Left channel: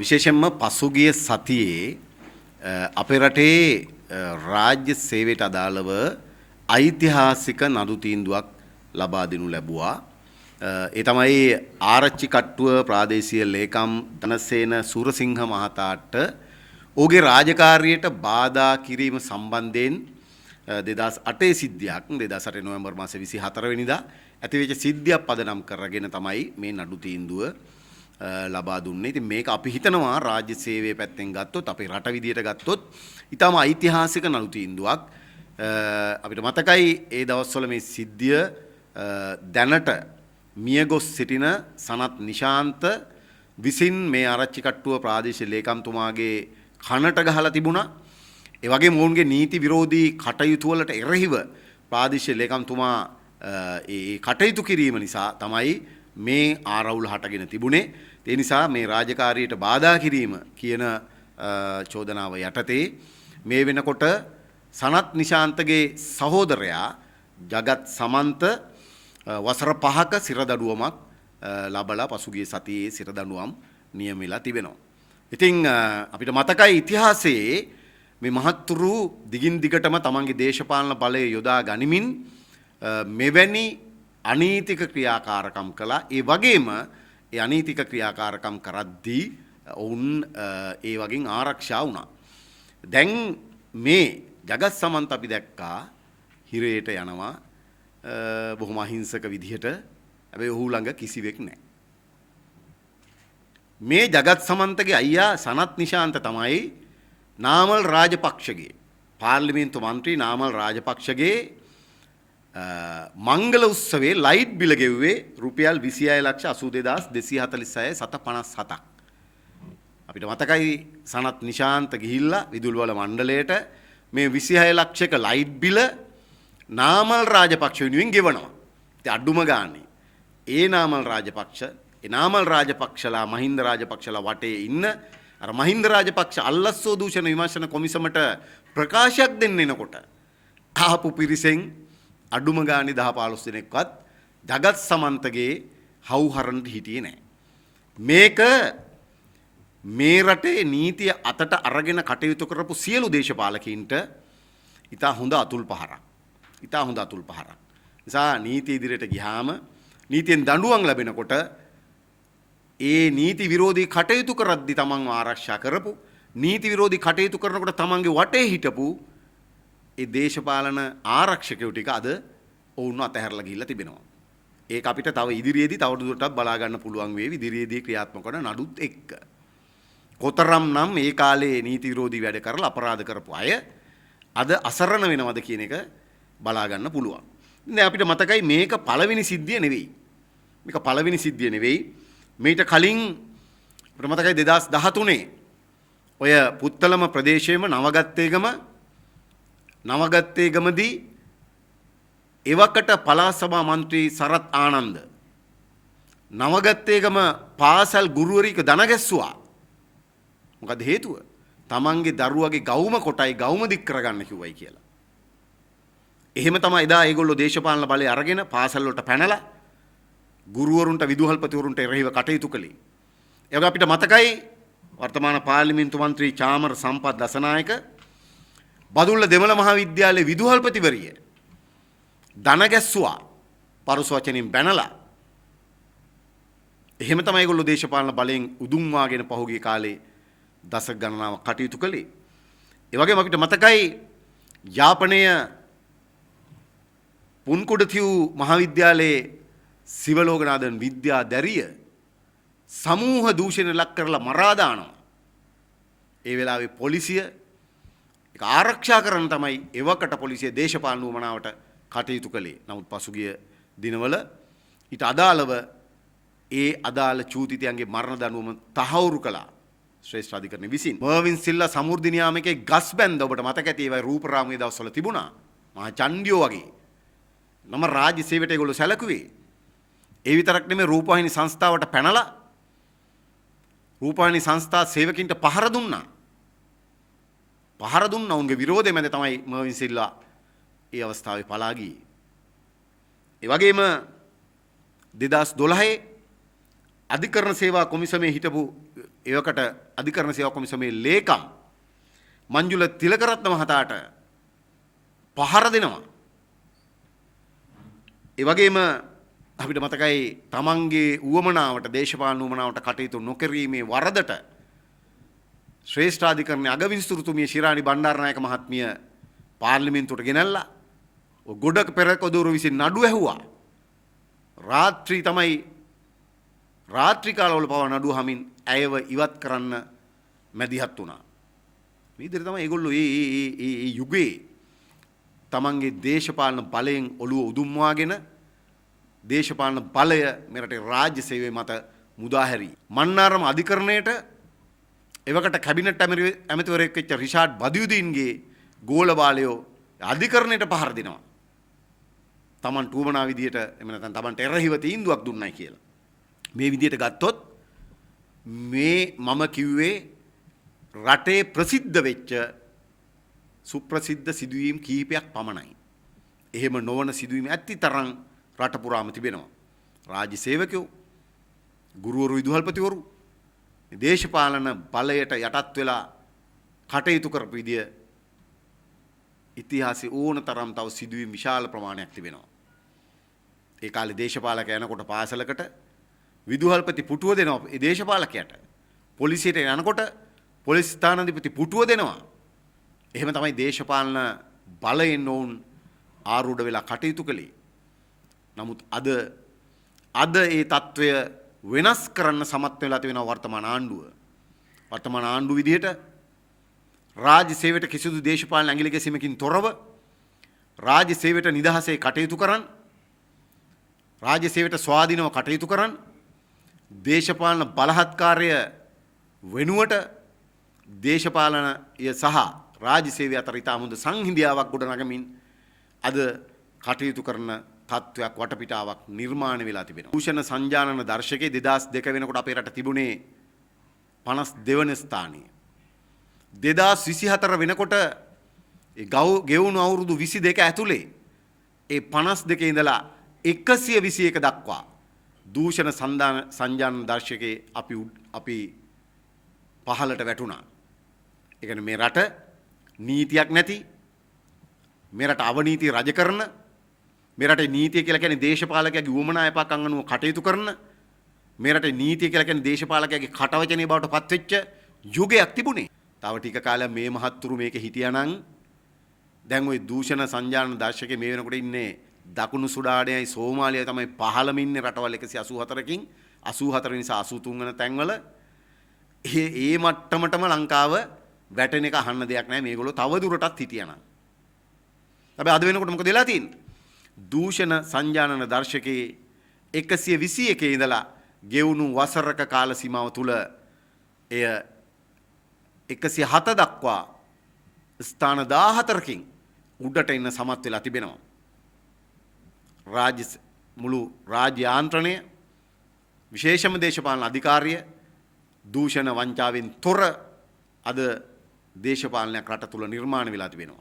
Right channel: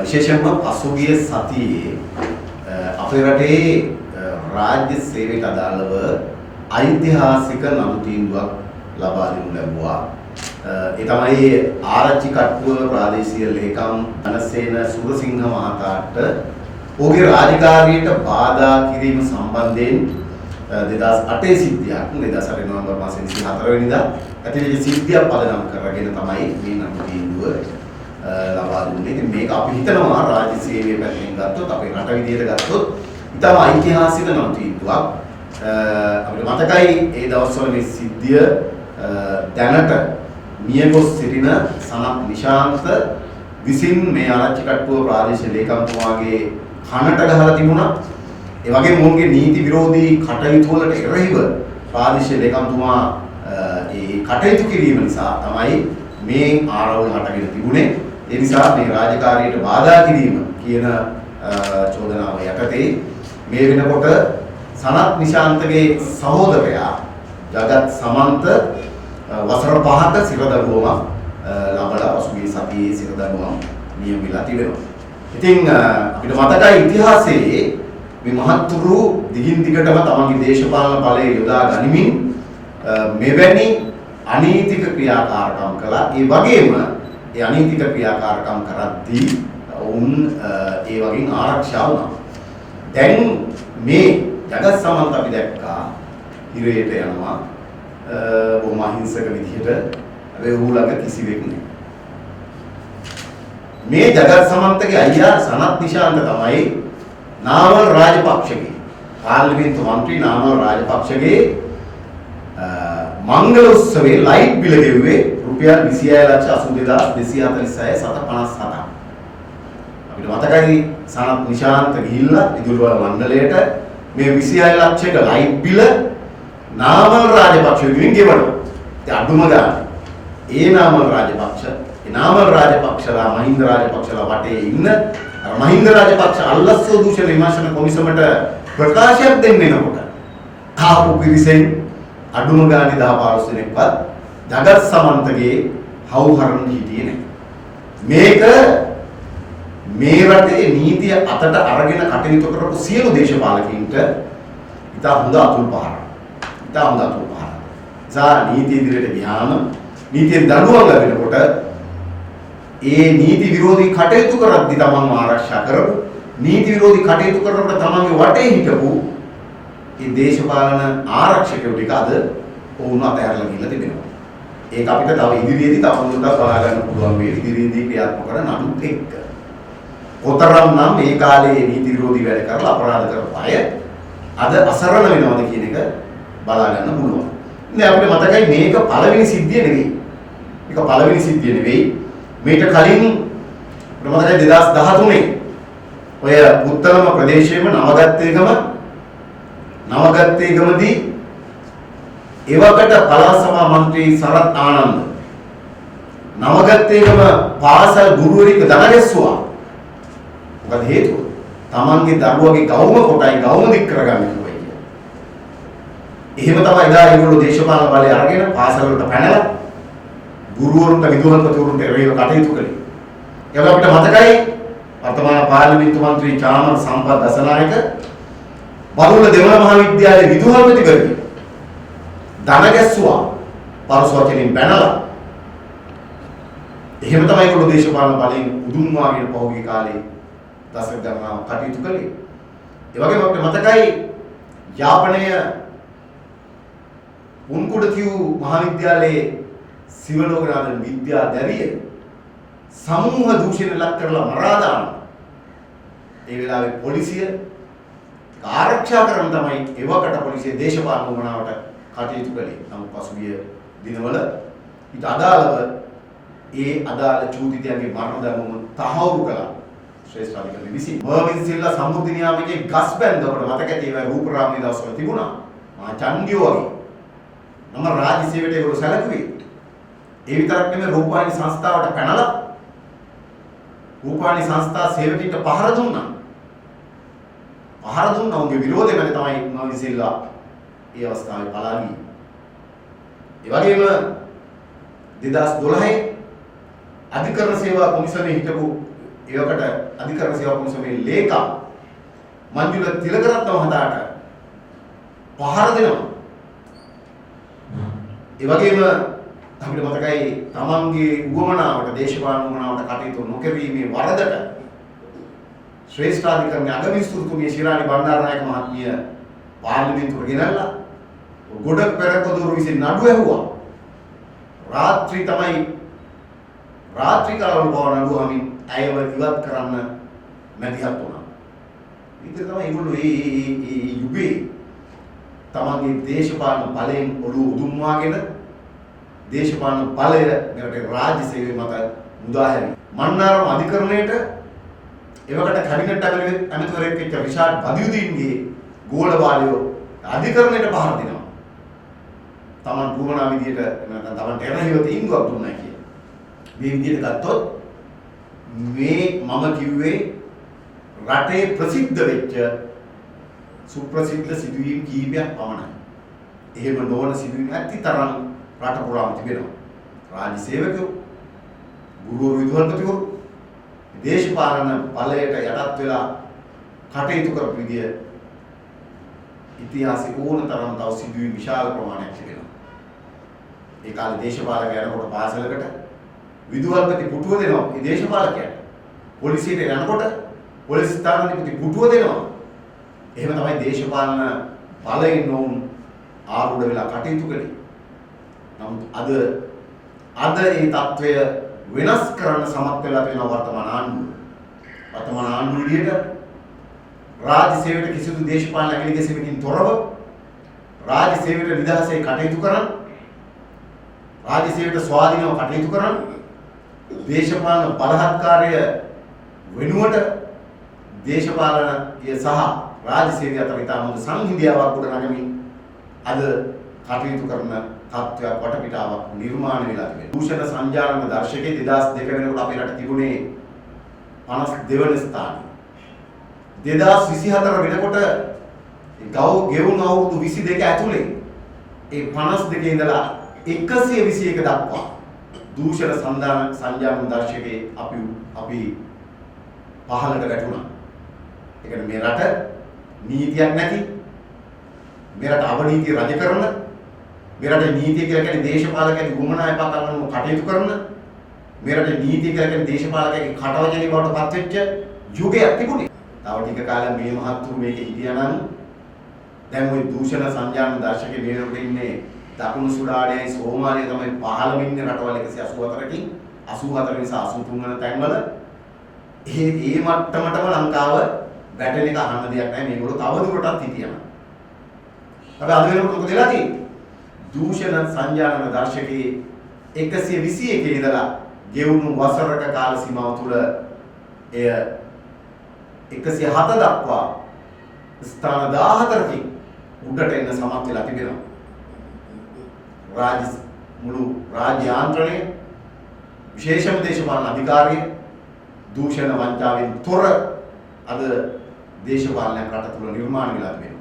විශේෂයෙන්ම පසුගිය සතියේ අපේ රටේ රාජ්‍ය සේවයට අදාළව ඓතිහාසික නඩු තීන්දුවක් ලබා දෙනු ලැබුවා. ඒ තමයි ආරච්චි කට්ටුව ප්‍රාදේශීය ලේකම් ධනසේන සුරසිංහ මහතාට ඔහුගේ රාජකාරියට බාධා කිරීම සම්බන්ධයෙන් 2008 සිද්ධියක් 2008 නොවැම්බර් මාසයේ 24 වෙනිදා ඇතිවෙච්ච සිද්ධියක් පදනම් කරගෙන තමයි මේ නඩු තීන්දුව ලබා දුන්නේ. ඉතින් මේක අපි හිතනවා රාජ්‍ය සේවයේ පැත්තෙන් ගත්තොත් අපේ රට විදියට ගත්තොත් ඉතාම ඓතිහාසික නඩු තීන්දුවක්. අපිට මතකයි ඒ දවස්වල මේ සිද්ධිය දැනට මියගොස් සිටින සනත් නිශාන්ත විසින් මේ ආරච්චි කට්ටුව ප්‍රාදේශීය ලේකම්තුමාගේ කනට ගහලා තිබුණා. ඒ වගේම මොවුන්ගේ නීති විරෝධී කටයුතු වලට එරෙහිව ප්‍රාදේශීය ලේකම්තුමා ඒ කටයුතු කිරීම නිසා තමයි මේ ආරවුල හටගෙන තිබුණේ. ඒ නිසා මේ රාජකාරියට බාධා කිරීම කියන චෝදනාව යටතේ මේ වෙනකොට සනත් නිශාන්තගේ සහෝදරයා ජගත් සමන්ත වසර 5ක සිරදඬුවමක් ලබලා පසුගිය සතියේ සිරදඬුවම් නියම වෙලා තිබෙනවා. ඉතින් අපිට මතකයි ඉතිහාසයේ මේ මහත්තුරු දිගින් දිගටම තමන්ගේ දේශපාලන බලය යොදා ගනිමින් මෙවැනි අනීතික ක්‍රියාකාරකම් කළා. ඒ වගේම ඒ අනීතික ක්‍රියාකාරකම් කරද්දී වුන් ඒ වගේම ආරක්ෂා වුණා. දැන් මේ ජගත් සමන්ත අපි දැක්කා හිරේට යනවා බොහොම අහිංසක විදිහට. හැබැයි ඌ ළඟ කිසිවෙක් නැහැ. මේ ජගත් සමන්තගේ අයියා සනත් නිශාන්ත තමයි නාමල් රාජපක්ෂගේ පාර්ලිමේන්තු මන්ත්‍රී නාමල් රාජපක්ෂගේ මංගල උත්සවයේ ලයිට් බිල ගෙව්වේ රුපියල් 2682246.57. අපිට මතකයි සනත් නිශාන්ත ගිහිල්ලා විදුලිවල මණ්ඩලයට මේ 26 ලක්ෂයක ලයිට් බිල නාමල් රාජපක්ෂගෙන් ගෙවනවා. ඒ අඳුම ගන්න. ඒ නාමල් රාජපක්ෂලා මහින්ද රාජපක්ෂලා වටේ ඉන්න මහින්ද රාජපක්ෂ අල්ලස්සෝ දූෂණ විමර්ශන කොමිසමට ප්‍රකාශයක් දෙන්න එනකොට ආපු පිරිසෙන් අඩුම ගානේ 10-15 දෙනෙක්වත් ජගත් සමන්තගේ හවුහරන්න හිටියේ නැහැ. මේක මේ රටේ නීතිය අතට අරගෙන කටයුතු කරපු සියලු දේශපාලකයින්ට ඉතා හොඳ අතුල් පහරක්. නිසා නීති ඉදිරියට ගියාම නීතියෙන් දඬුවම් ලැබෙනකොට ඒ නීති විරෝධී කටයුතු කරද්දී තමන්ව ආරක්ෂා කරපු නීති විරෝධී කටයුතු කරනකොට තමන්ගේ වටේ හිටපු ඒ දේශපාලන ආරක්ෂකයෝ ටික අද වුණ අතහැරලා ගිහිල්ලා තිබෙනවා. ඒක අපිට තව ඉදිරියේදී තවදුරටත් බලා ගන්න පුළුවන් මේ ඉදිරියේදී ක්‍රියාත්මක කරන නඩුත් එක්ක. කොතරම්නම් මේ කාලේ නීති විරෝධී වැඩ කරලා අපරාධ කරපු අය අද අසරණ වෙනවද කියන එක බලා ගන්න පුළුවන්. ඉතින් අපිට මතකයි මේක පළවෙනි සිද්ධිය නෙවෙයි. මේට කලින් මතකයි 2013 ඔය පුත්තලම ප්‍රදේශයේම නවගත්තේගමදී එවකට පළාත් සභා මන්ත්‍රී සරත් ආනන්ද නවගත්තේගම පාසල් ගුරුවරයෙක් දනගැස්සුවා. මොකද හේතුව? තමන්ගේ දරුවගේ ගෞම කොටයි ගෞම දික් කරගන්න කිව්වයි කියලා. එහෙම තමයි එදා ඒගොල්ලෝ දේශපාලන බලය අරගෙන පාසල් වලට පැනලා ගුරුවරුන්ට විදුහල්පතිවරුන්ට එරෙහිව කටයුතු කළේ. ඒක අපිට මතකයි වර්තමාන පාර්ලිමේන්තු මන්ත්‍රී චාමර සම්පත් දසනායක බරුල්ල දෙවන මහාවිද්‍යාලයේ විදුහල්පතිවරුන් දනගැස්සුවා පරස වචනින් පැනලා. එහෙම තමයි ඒගොල්ලෝ දේශපාලන බලයෙන් උදුම්මාගෙන පහුගිය කාලේ දශක ගණනාවක් කටයුතු කළේ. ඒ වගේම අපිට මතකයි යාපනය පුන්කුඩතිව් මහාවිද්‍යාලයේ සිවලෝකනාදන් විද්‍යාදරිය සමූහ දූෂණ ලක් කරලා මරා දානවා. ඒ වෙලාවේ පොලිසිය ආරක්ෂා කරන තමයි එවකට පොලිසිය දේශපාලන වමනාවට කටයුතු කළේ. නමුත් පසුගිය දිනවල ඊට අදාළව ඒ අදාළ චූතිතයන්ගේ මරණ දඬුවම තහවුරු කළා ශ්‍රේෂ්ඨ අධිකරණ විසින්. මර්වින් සිල්ලා සමෘද්ධි නියාමකේ ගස් බැන්ද ඔබට මතක ඇති ඒවා රූපරාමයේ දවස්වල තිබුණා. මහා චණ්ඩියෝ වගේ. නම රාජ්‍ය සේවයට ඒගොල්ලෝ සැලකුවේ. ඒ විතරක් නෙමෙයි රූපවාහිනී සංස්ථාවට පැනලා රූපවාහිනී සංස්ථා සේවකින්ට පහර දුන්නා. උන්ගේ විරෝධය මැද තමයි මර්වින් සිල්ලා ඒ අවස්ථාවේ පලා ගියේ. ඒ වගේම 2012 අධිකරණ සේවා කොමිසමේ හිටපු ඒවකට අධිකරණ සේවා කොමිසමේ ලේකම් මංජුල තිලකරත්න මහතාට පහර දෙනවා. ඒ වගේම අපිට මතකයි තමන්ගේ උවමනාවට දේශපාලන උවමනාවට කටයුතු නොකිරීමේ වරදට ශ්‍රේෂ්ඨාධිකරණයේ අගවිස්තෘතුමිය ශිරාණි බණ්ඩාරනායක මහත්මිය පාර්ලිමේන්තුවට ගෙනල්ලා ගොඩක් පෙරකදෝරු විසින් නඩු ඇහුවා. රාත්‍රී කාලවල බව නඩු හමින් ඇයව ඉවත් කරන්න මැදිහත් වුණා. ඊට තමයි ඒගොල්ලෝ මේ යුගයේ තමන්ගේ දේශපාලන බලයෙන් ඔළුව උදුම්වාගෙන දේශපාලන බලය මෙරට රාජ්‍ය සේවය මත මුදාහැරි. මන්නාරම අධිකරණයට එවකට කැබිනට් ඇමතිවරයෙක් වෙච්ච රිෂාඩ් බදියුදීන්ගේ ගෝල බාලයෝ අධිකරණයට පහර දෙනවා. තමන් පුවමනා විදියට නැත්නම් තමන්ට එරෙහිව තීන්දුවක් දුන්නයි කියලා. මේ විදියට ගත්තොත් මේ මම කිව්වේ රටේ ප්‍රසිද්ධ වෙච්ච සුප්‍රසිද්ධ සිදුවීම් කීපයක් පමණයි. එහෙම නොවන සිදුවීම් ඇතිතරම් රට පුරාම තිබෙනවා. රාජ්‍ය සේවකයෝ, ගුරුවරු, විදුහල්පතිවරු දේශපාලන බලයට යටත් වෙලා කටයුතු කරපු විදිය ඉතිහාසයේ ඕනතරම් තව සිදුවීම් විශාල ප්‍රමාණයක් තිබෙනවා. ඒ කාලේ දේශපාලකයා යනකොට පාසලකට විදුහල්පති පුටුව දෙනවා. ඒ දේශපාලකයාට පොලිසියට යනකොට පොලිස් ස්ථානාධිපති පුටුව දෙනවා. එහෙම තමයි දේශපාලන බලයෙන් වුන් ආරූඪ වෙලා කටයුතු කළේ. නමුත් අද මේ తত্ত্বය වෙනස් කරන්න සමත් වෙලා තියෙන වර්තමාන ආණ්ඩුව. වර්තමාන ආණ්ඩුව විදියට රාජ්‍ය සේවයට කිසිදු දේශපාලන ඇගිලි ගැසීමකින් තොරව රාජ්‍ය සේවයට නිදහසේ කටයුතු කරන්, රාජ්‍ය සේවයට ස්වාධීනව කටයුතු කරන්, දේශපාලන බලහත්කාරය වෙනුවට දේශපාලනය සහ රාජ්‍ය සේවය අතර ඉතාම හොඳ සංහිඳියාවක් ගොඩනගමින් අද කටයුතු කරන තත්ත්වයක් වටපිටාවක් නිර්මාණය වෙලා තිබෙනවා. භූෂණ සංජානන දර්ශකයේ 2002 වෙනකොට අපේ රට තිබුණේ 52 වෙනි ස්ථානයේ. 2024 වෙනකොට ගෙවුණු අවුරුදු 22 ඇතුලේ ඒ 52 ඉඳලා 121 දක්වා දූෂණ සංජානන දර්ශකයේ අපි පහළට වැටුණා. ඒ කියන්නේ මේ රට නීතියක් නැති, මේ රට අවනීතිය රජ කරන, මේ රටේ නීතිය කියලා කියන්නේ දේශපාලකයාගේ උවමනා එපක් අනුව කටයුතු කරන, මේ රටේ නීතිය කියලා කියන්නේ දේශපාලකයාගේ කටවචනේ බවට පත් වෙච්ච යුගයක් තිබුණේ. තව ටික කාලයක් මේ මහත්තුරු මේකේ හිටියානම් දැන් ওই දූෂණ සංජානන දර්ශකයේ මේ වෙනකොට ඉන්නේ දකුණු සුඩානයයි සෝමාලිය තමයි පහළම ඉන්නේ රටවල් 184කින් 84 නිසා 83 වෙන තැන්වල ඒ මට්ටමටම ලංකාව වැටෙන එක අහන්න දෙයක් නැහැ. මේගොල්ලෝ තව දුරටත් හිටියනම්. හැබැයි අද වෙනකොට මොකද වෙලා තියෙන්නේ? දූෂණ සංජානන දර්ශකයේ 121 ඉඳලා ගෙවුණු වසරක කාල සීමාව තුළ එය 107 දක්වා ස්ථාන 14කින් උඩට එන්න සමත් වෙලා තිබෙනවා. මුළු රාජ්‍ය යාන්ත්‍රණය, විශේෂම දේශපාලන අධිකාරිය දූෂණ වංචාවෙන් තොර අද දේශපාලනයක් රට තුළ නිර්මාණය වෙලා තිබෙනවා.